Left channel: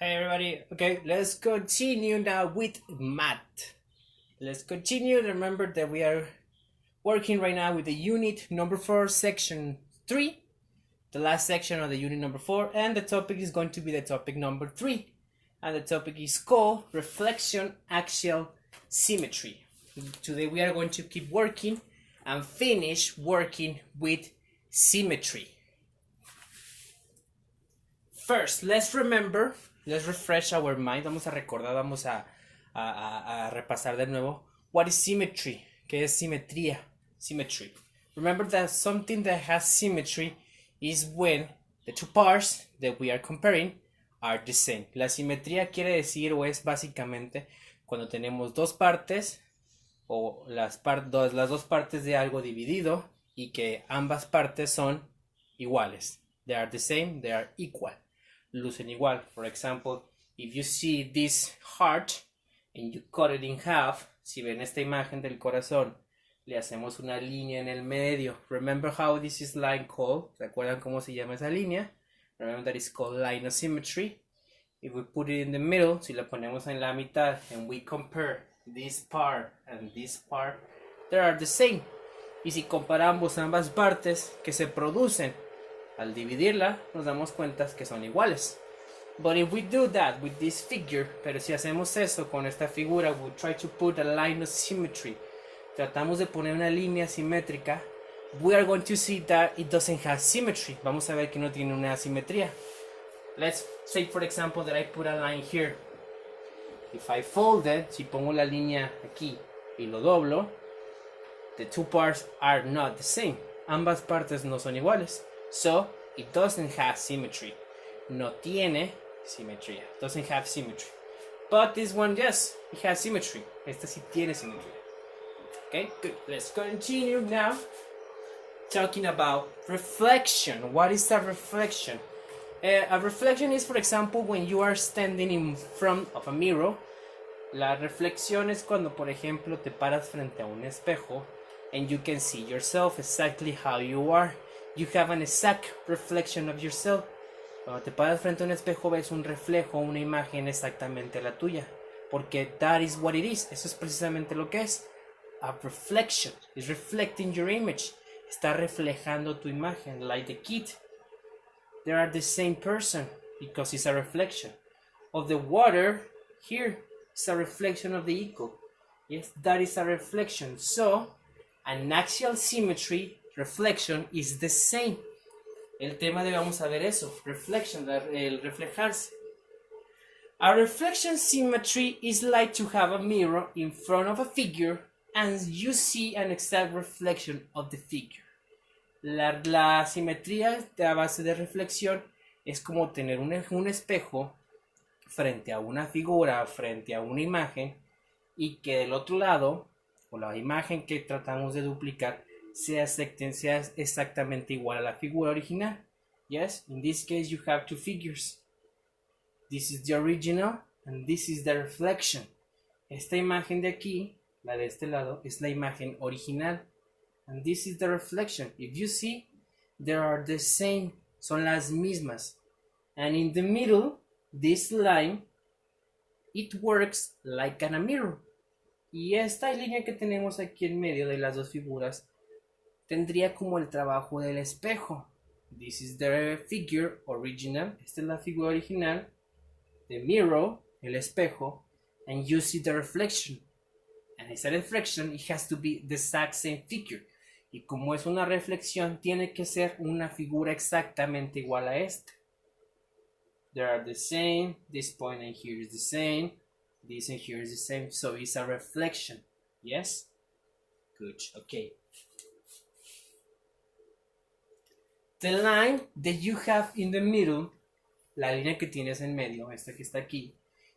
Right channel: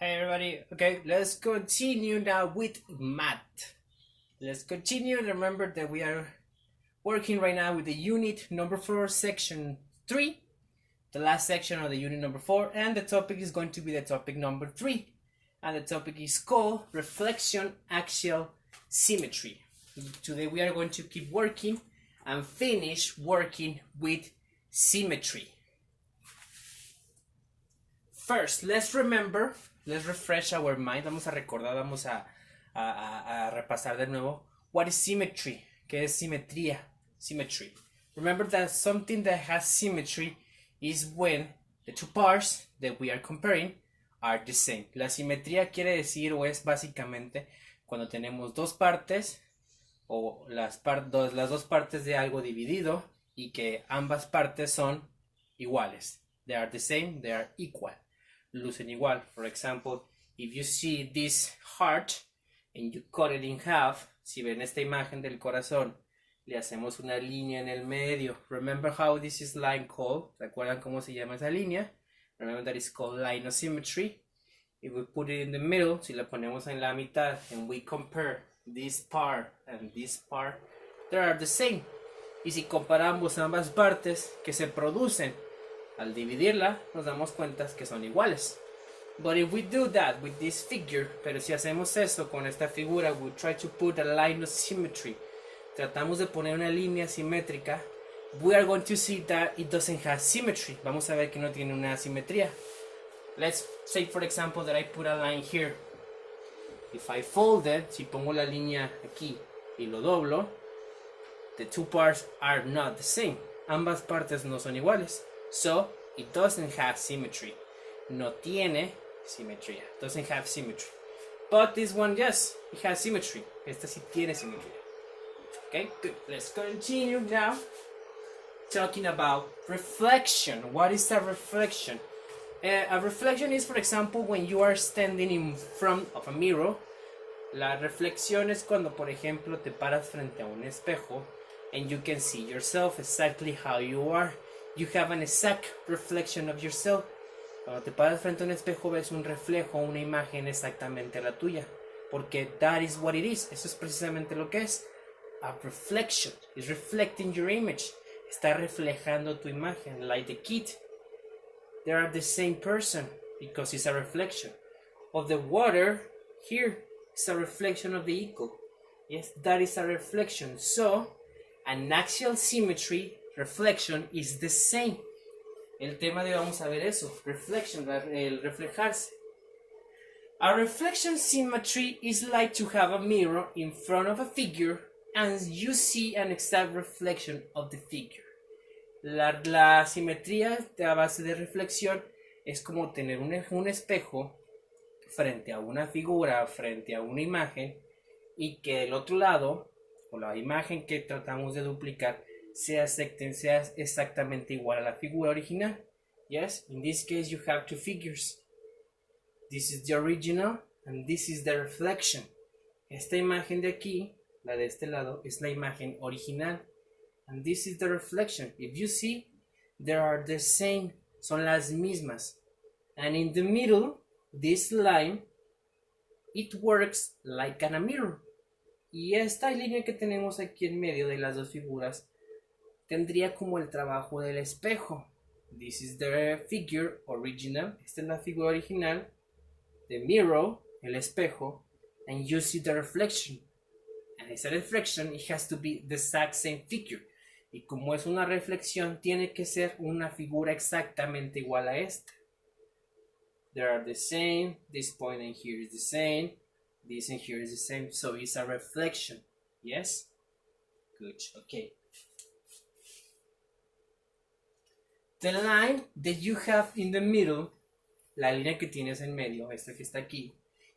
Hey everybody, okay, let's continue now with math. Let's continue. Remember that we are working right now with the unit number 4, section 3, the last section of the unit number 4, and the topic is going to be the topic number 3, and the topic is called reflection axial symmetry. Today we are going to keep working and finish working with symmetry. First, let's refresh our mind. Vamos a recordar, vamos a repasar de nuevo. What is symmetry? ¿Qué es simetría? Symmetry. Remember that something that has symmetry is when the two parts that we are comparing are the same. La simetría quiere decir o es básicamente cuando tenemos dos partes o las dos partes de algo dividido y que ambas partes son iguales. They are the same, they are equal. Lucen igual. For example, if you see this heart and you cut it in half, si ven esta imagen del corazón, le hacemos una línea en el medio. Remember how this is line called? ¿Se acuerdan cómo se llama esa línea? Remember that it's called line of symmetry. If we put it in the middle, si la ponemos en la mitad and we compare this part and this part, they are the same. Y si comparamos ambas partes que se producen al dividirla, nos damos cuenta que son iguales. But if we do that with this figure, pero si hacemos eso con esta figura, we try to put a line of symmetry, tratamos de poner una línea simétrica, we are going to see that it doesn't have symmetry. Vamos a ver que no tiene una simetría. Let's say, for example, that I put a line here. If I fold it, si pongo la línea aquí y lo doblo, the two parts are not the same. Ambas partes no son iguales. So, it doesn't have symmetry. No tiene simetría. Doesn't have symmetry. But this one, yes, it has symmetry. Esta sí tiene simetría. Okay, good. Let's continue now talking about reflection. What is a reflection? A reflection is, for example, when you are standing in front of a mirror. La reflexión es cuando, por ejemplo, te paras frente a un espejo and you can see yourself exactly how you are. You have an exact reflection of yourself. Cuando te paras frente a un espejo ves un reflejo, una imagen exactamente la tuya. Porque that is what it is. Eso es precisamente lo que es. A reflection. It's reflecting your image. Está reflejando tu imagen. Like the kid. They are the same person because it's a reflection. Of the water, here, it's a reflection of the eagle. Yes, that is a reflection. So, an axial symmetry reflection is the same. El tema de vamos a ver eso. Reflection, el reflejarse. A reflection symmetry is like to have a mirror in front of a figure and you see an exact reflection of the figure. La simetría a base de reflexión es como tener un espejo frente a una figura, frente a una imagen y que del otro lado, o la imagen que tratamos de duplicar, sea exactamente igual a la figura original. Yes, in this case you have two figures. This is the original and this is the reflection. Esta imagen de aquí, la de este lado, es la imagen original. And this is the reflection. If you see, they are the same. Son las mismas. And in the middle, this line, it works like a mirror. Y esta línea que tenemos aquí en medio de las dos figuras tendría como el trabajo del espejo. This is the figure original. Esta es la figura original. The mirror, el espejo. And you see the reflection. And esa reflection, it has to be the exact same figure. Y como es una reflexión, tiene que ser una figura exactamente igual a esta. They are the same. This point and here is the same. This and here is the same. So it's a reflection. Yes? Good. Okay. The line that you have in the middle, la línea que tienes en medio, esta que está aquí,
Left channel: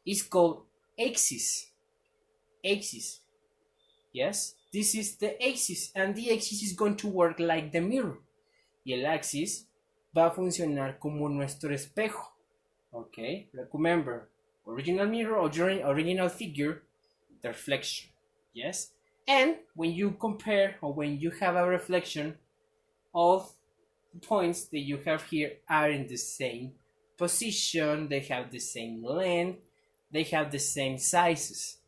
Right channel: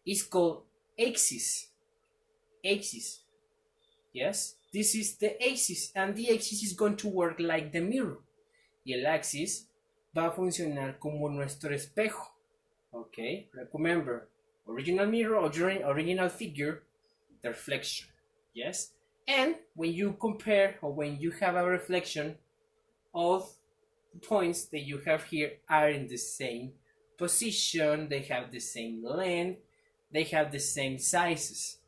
is called axis. Axis. Yes? This is the axis, and the axis is going to work like the mirror. Y el axis va a funcionar como nuestro espejo. Okay? Remember, original mirror, original figure, the reflection. Yes? And when you compare, or when you have a reflection, all points that you have here are in the same position, they have the same length, they have the same sizes.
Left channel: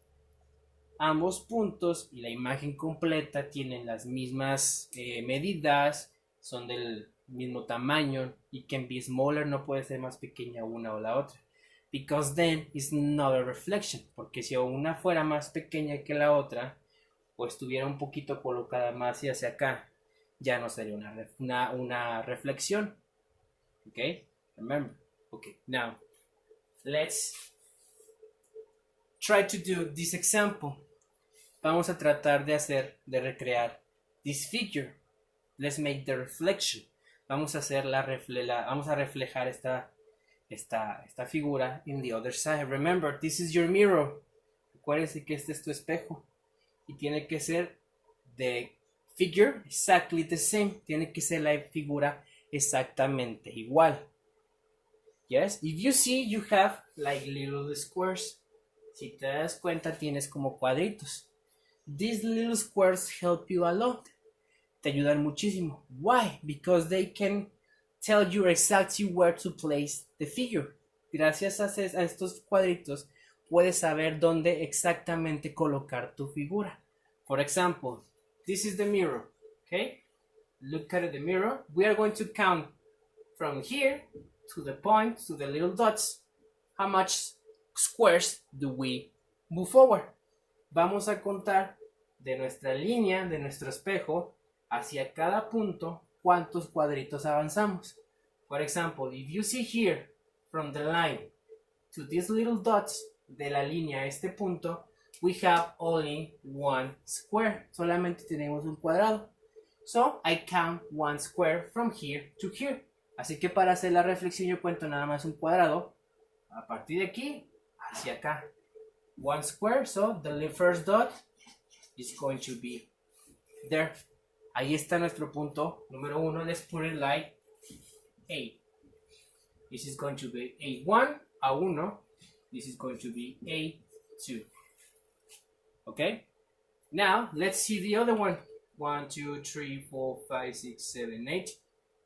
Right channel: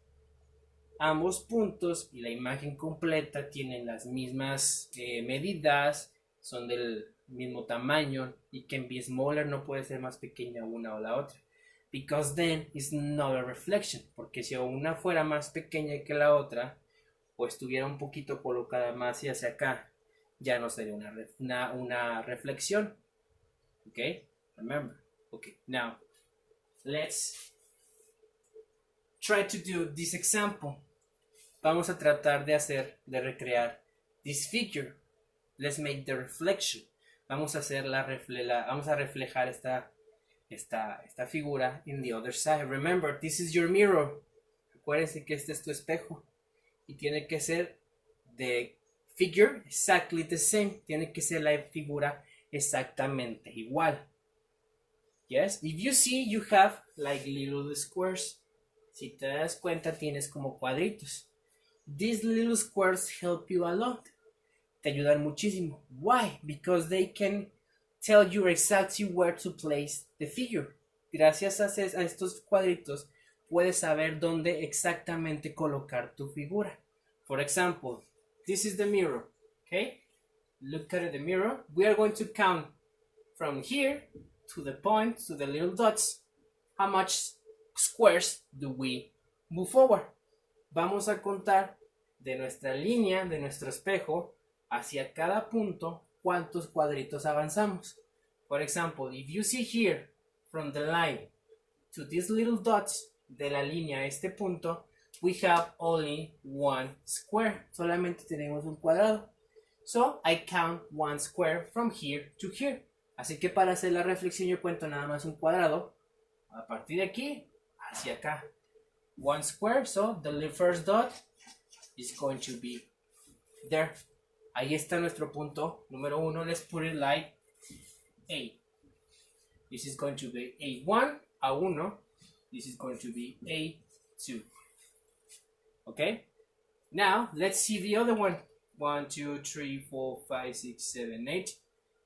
Ambos puntos y la imagen completa tienen las mismas medidas, son del mismo tamaño, y can be smaller, no puede ser más pequeña una o la otra. Because then it's not a reflection, porque si una fuera más pequeña que la otra, o estuviera un poquito colocada más hacia acá, ya no sería una reflexión. Okay, remember. Okay, now let's try to do this example. Vamos a tratar de recrear this figure. Let's make the reflection. Vamos a hacer vamos a reflejar esta figura in the other side. Remember, this is your mirror. Acuérdense que este es tu espejo y tiene que ser the figure exactly the same. Tiene que ser la figura exactamente igual. Yes, if you see, you have like little squares. Si te das cuenta, tienes como cuadritos. These little squares help you a lot. Te ayudan muchísimo. Why? Because they can tell you exactly where to place the figure. Gracias a estos cuadritos, puedes saber dónde exactamente colocar tu figura. For example, this is the mirror. Okay? Look at the mirror. We are going to count from here to the point, to the little dots. How much squares do we move forward? Vamos a contar de nuestra línea, de nuestro espejo, hacia cada punto, cuántos cuadritos avanzamos. For example, if you see here, from the line to these little dots, de la línea a este punto, we have only one square. Solamente tenemos un cuadrado. So, I count one square from here to here. Así que para hacer la reflexión yo cuento nada más un cuadrado. A partir de aquí, hacia acá. One square, so the first dot is going to be there. Ahí está nuestro punto número 1. Let's put it like A. This is going to be A1, A1. This is going to be A2. Okay? Now, let's see the other one. 1, 2, 3, 4, 5, 6, 7, 8.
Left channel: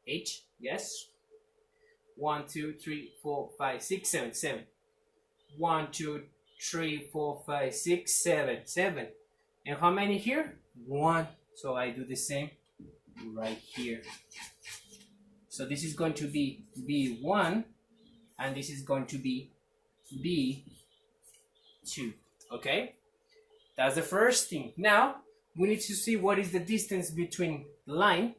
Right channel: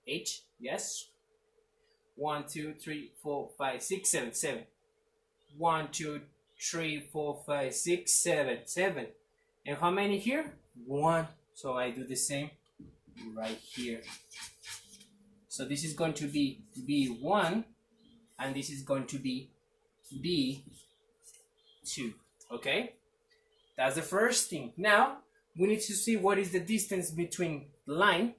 H, yes. 1, 2, 3, 4, 5, 6, 7, 7. 1, 2, 3, 4, 5, 6, 7, 7. And how many here? 1. So I do the same right here. So this is going to be B1 and this is going to be B2. Okay? That's the first thing. Now we need to see what is the distance between the line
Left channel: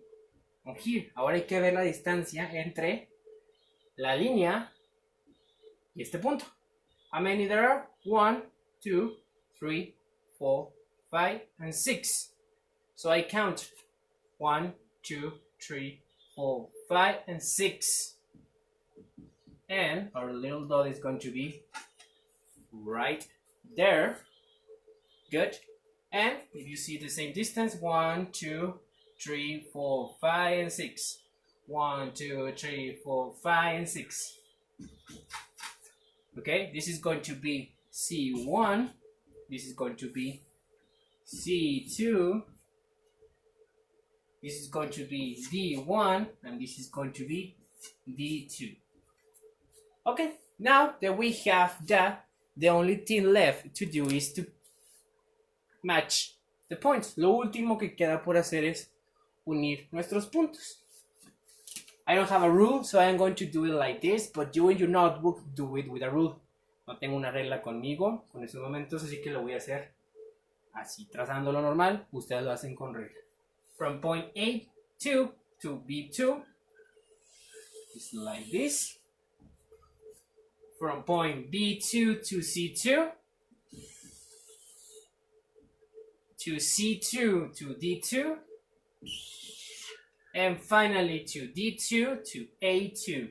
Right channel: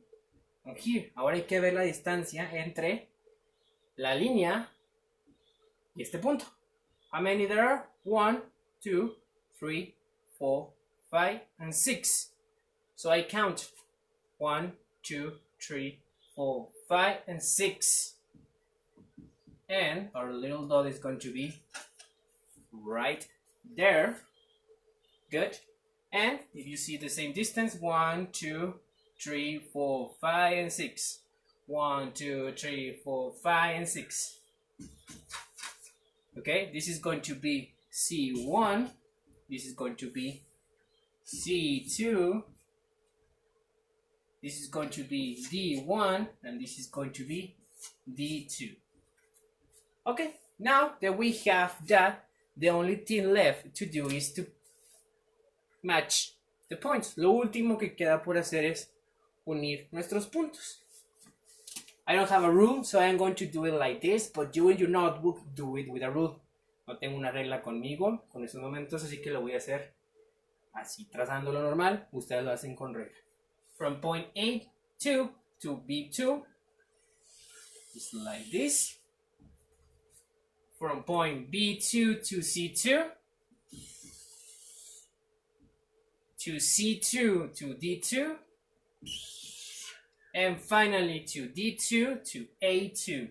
and here. Ahora hay que ver la distancia entre la línea y este punto. How many there are? 1, 2, 3, 4, 5, and 6. So I count 1, 2, 3, 4, 5, and 6. And our little dot is going to be right there. Good. And if you see the same distance, 1, 2, 3, 4, 5, and 6. 1, 2, 3, 4, 5, and 6. Okay, this is going to be C1. This is going to be C2. This is going to be D1, and this is going to be D2. Okay, now that we have that, the only thing left to do is to match the points. Lo último que queda por hacer es unir nuestros puntos. I don't have a rule, so I'm going to do it like this, but you in your notebook do it with a rule. No tengo una regla conmigo con estos momentos, así que lo voy a hacer así, trazando lo normal. Ustedes lo hacen con regla. From point A2 to B2, just like this. From point B2 to C2, to C2 to D2, and finally to D2 to A2.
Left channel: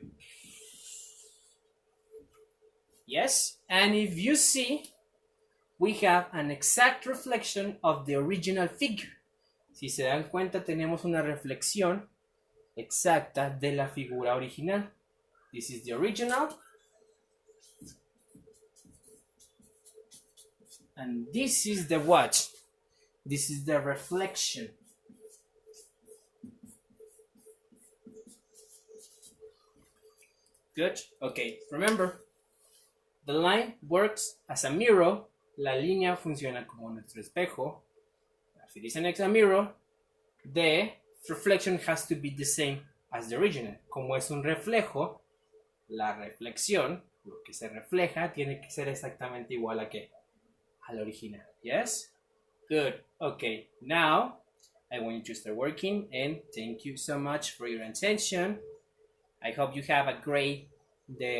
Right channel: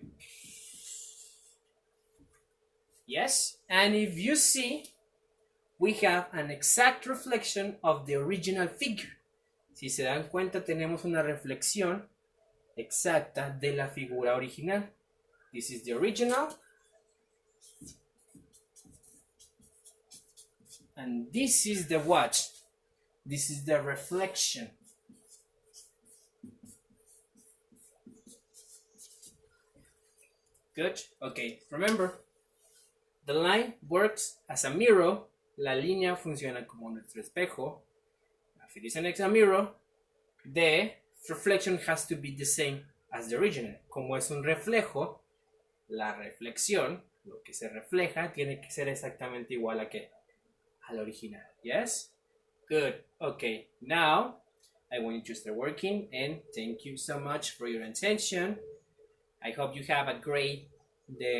Yes, and if you see, we have an exact reflection of the original figure. Si se dan cuenta, tenemos una reflexión exacta de la figura original. This is the original. And this is the what? This is the reflection. Good. Okay. Remember, the line works as a mirror. La línea funciona como nuestro espejo. If it is an extra mirror, the reflection has to be the same as the original. Como es un reflejo, la reflexión, lo que se refleja, tiene que ser exactamente igual a qué? Al original. Yes? Good. Okay. Now, I want you to start working, and thank you so much for your attention. I hope you have a great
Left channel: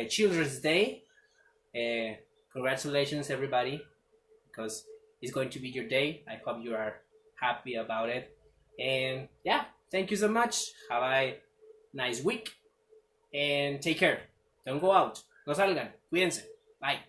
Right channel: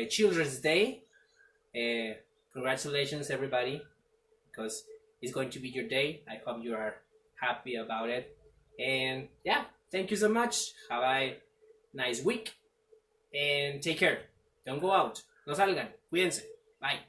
Children's Day. Congratulations, everybody, because it's going to be your day. I hope you are happy about it. And yeah, thank you so much. Have a nice week and take care. Don't go out. No salgan. Cuídense. Bye.